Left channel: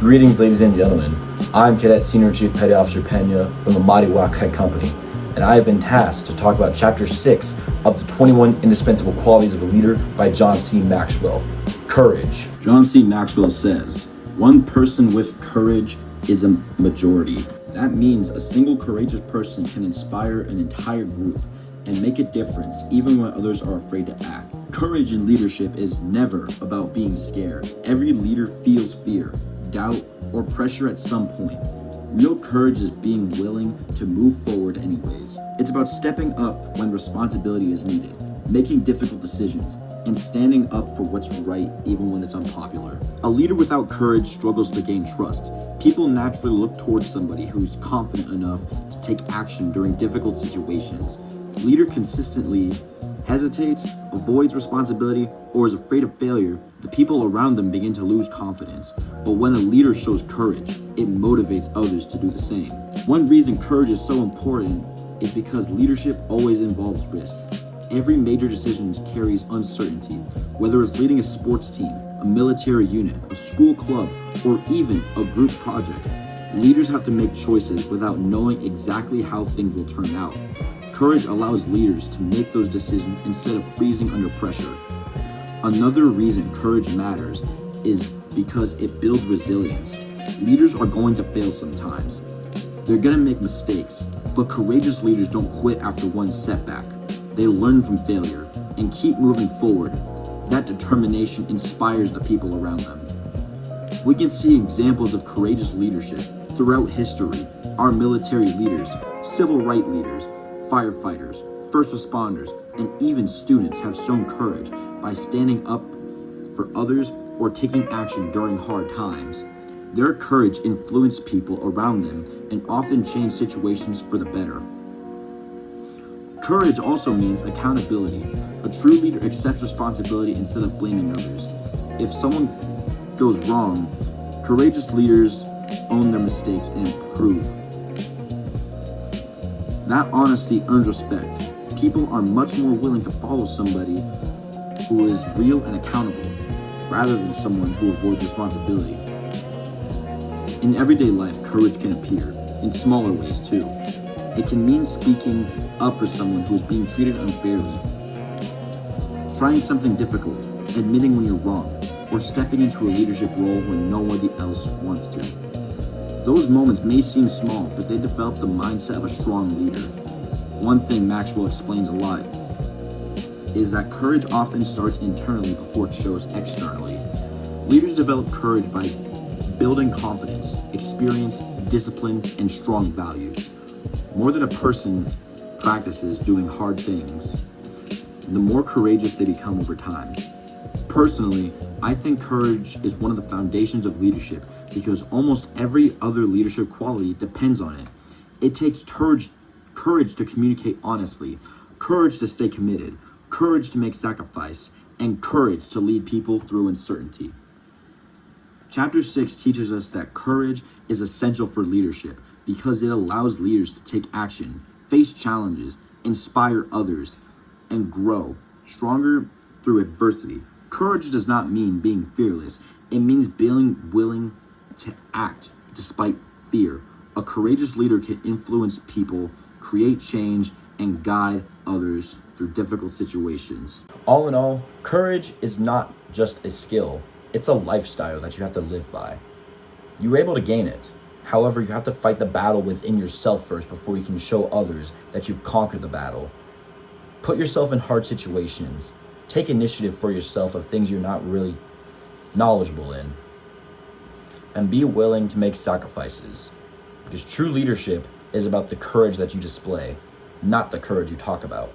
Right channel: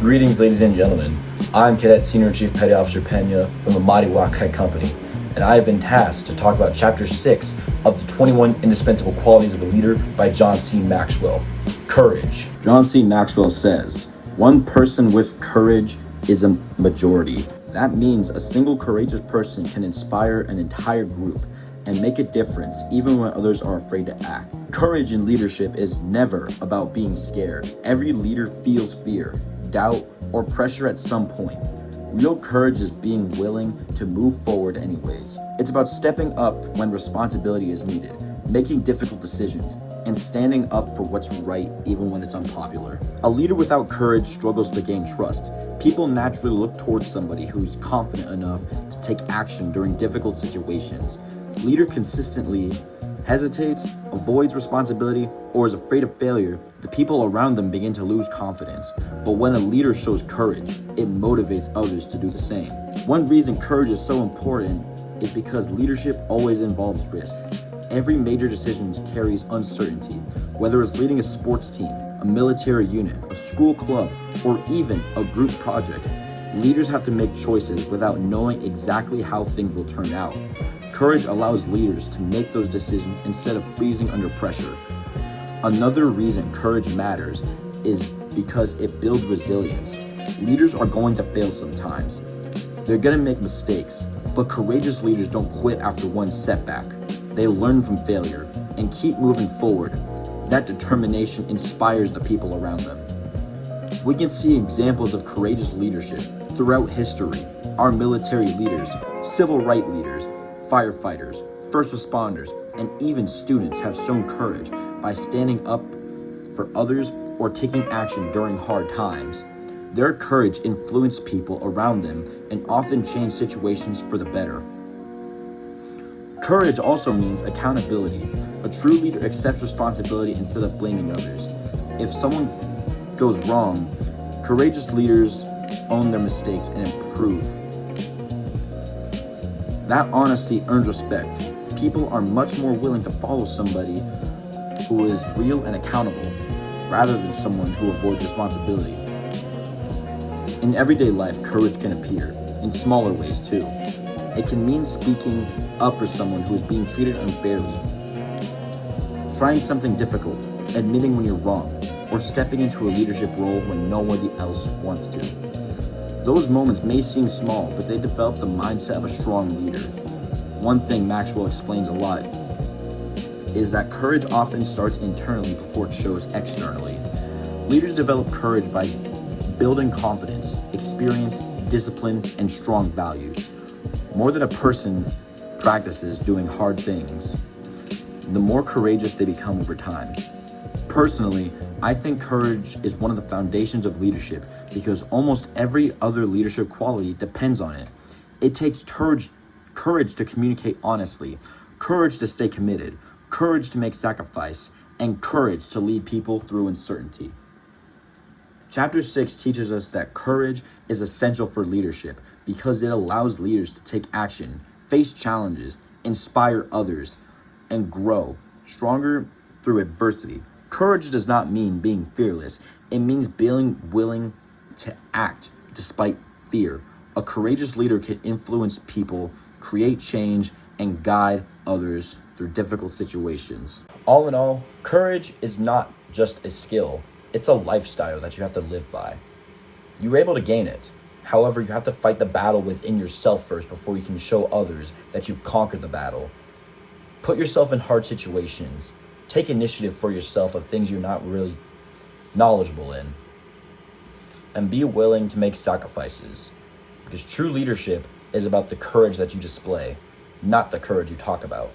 Greetings, ladies and gentlemen. I'm Cadet Senior Chief Petty Officer Pena from the Mighty Wildcat Company, and I have been tasked to talk about Chapter 6 of the 21 Indispensable Qualities of a Leader by John C. Maxwell. Courage. John C. Maxwell says, "One person with courage is a majority." That means a single courageous person can inspire an entire group and make a difference even when others are afraid to act. Courage in leadership is never about being scared. Every leader feels fear, doubt, or pressure at some point. Real courage is being willing to move forward anyways. It's about stepping up when responsibility is needed, making difficult decisions, and standing up for what's right even when it's unpopular. A leader without courage struggles to gain trust. People naturally look towards somebody who's confident enough to take action during difficult situations. Leader consistently hesitates, avoids responsibility, or is afraid of failure, the people around them begin to lose confidence. But when a leader shows courage, it motivates others to do the same. One reason courage is so important is because leadership always involves risks. Every major decision carries uncertainty, whether it's leading a sports team, a military unit, a school club, or even a group project. Leaders have to make choices without knowing exactly how things will turn out. Courage allows leaders to make those decisions instead of freezing under pressure. Another reason courage matters is because it builds resilience. Leaders are going to fail sometimes. They're going to make mistakes, but courageous leaders don't quit after one setback. They learn from failure and keep moving forward. That determination inspires the people around them. We can see examples of courageous leadership throughout history. Our military leaders, civil rights leaders, firefighters, first responders, and even students have shown courage by standing up for others or taking action during hard times. Their courage influenced people around them and often changed situations for the better. Courage also means accountability. A true leader accepts responsibility instead of blaming others. If someone goes wrong, courageous leaders own their mistakes and improve. That honesty earns respect. People are much more willing to follow somebody who is real and accountable, rather than someone who avoids responsibility. In everyday life, courage can appear, in smaller ways too. It can mean speaking up for someone who is being treated unfairly, trying something difficult, admitting when you're wrong, or stepping into a leadership role when nobody else wants to. Those moments may seem small, but they develop the mindset of a strong leader. One thing Maxwell explains a lot is that courage often starts internally before it shows externally. Leaders develop courage by building confidence, experience, discipline, and strong values. More than a person practices doing hard things, the more courageous they become over time. Personally, I think courage is one of the foundations of leadership because almost every other leadership quality depends on it. It takes courage to communicate honestly, courage to stay committed, courage to make sacrifice, and courage to lead people through uncertainty. Chapter 6 teaches us that courage is essential for leadership because it allows leaders to take action, face challenges, inspire others, and grow stronger through adversity. Courage does not mean being fearless. It means being willing to act despite fear. A courageous leader can influence people, create change, and guide others through difficult situations. All in all, courage is not just a skill. It's a lifestyle that you have to live by. You were able to gain it. However, you have to fight the battle within yourself first before you can show others that you've conquered the battle. Put yourself in hard situations. Take initiative for yourself of things you're not really knowledgeable in. And be willing to make sacrifices. Because true leadership is about the courage that you display, not the courage you talk about.